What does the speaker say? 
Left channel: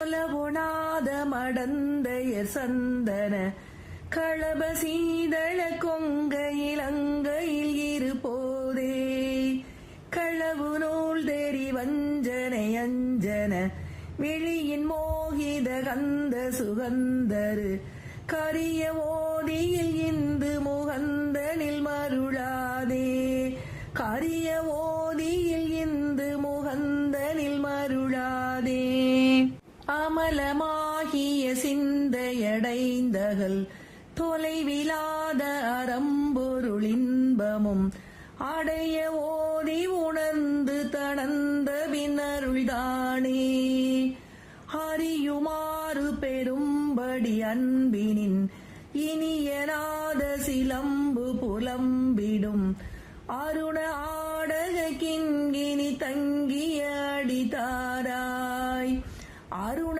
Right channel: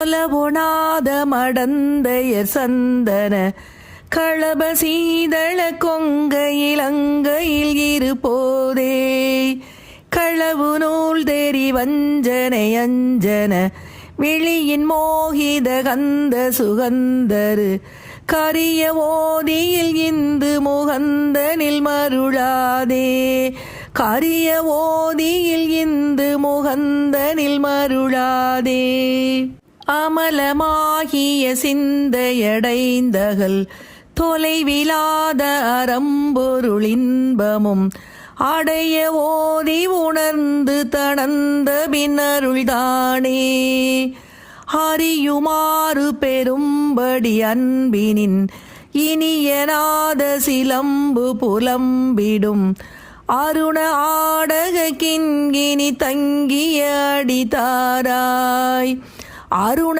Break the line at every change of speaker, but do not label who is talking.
கொலபொணாத மடந்தைய சந்தன களப சீதள கொங்கையிலங்கையில் இருப்போதே. களவு நூல் தெரி வஞ்சனை அஞ்சன விழியின் மோகித கந்த சுகந்தரு கரிய ஓதியில் இந்து முகந்தனில் மருளாதே. கரிய ஓதியில் இந்து முகந்தனில் மருளாதே. அமலமாகிய சிந்தையடைந்தகல் தொலைவிலாத அறம்பொருளின்பமும் அடைய ஓதி உணர்ந்து தணந்த பின்னருள்தானே. அறியுமாறு பெரும்படி அன்பினின் இனியனாத சிலம்பு புலம்பிடும் அருண ஆடக கிண்கினி தங்கிய அடிதாராய். அருண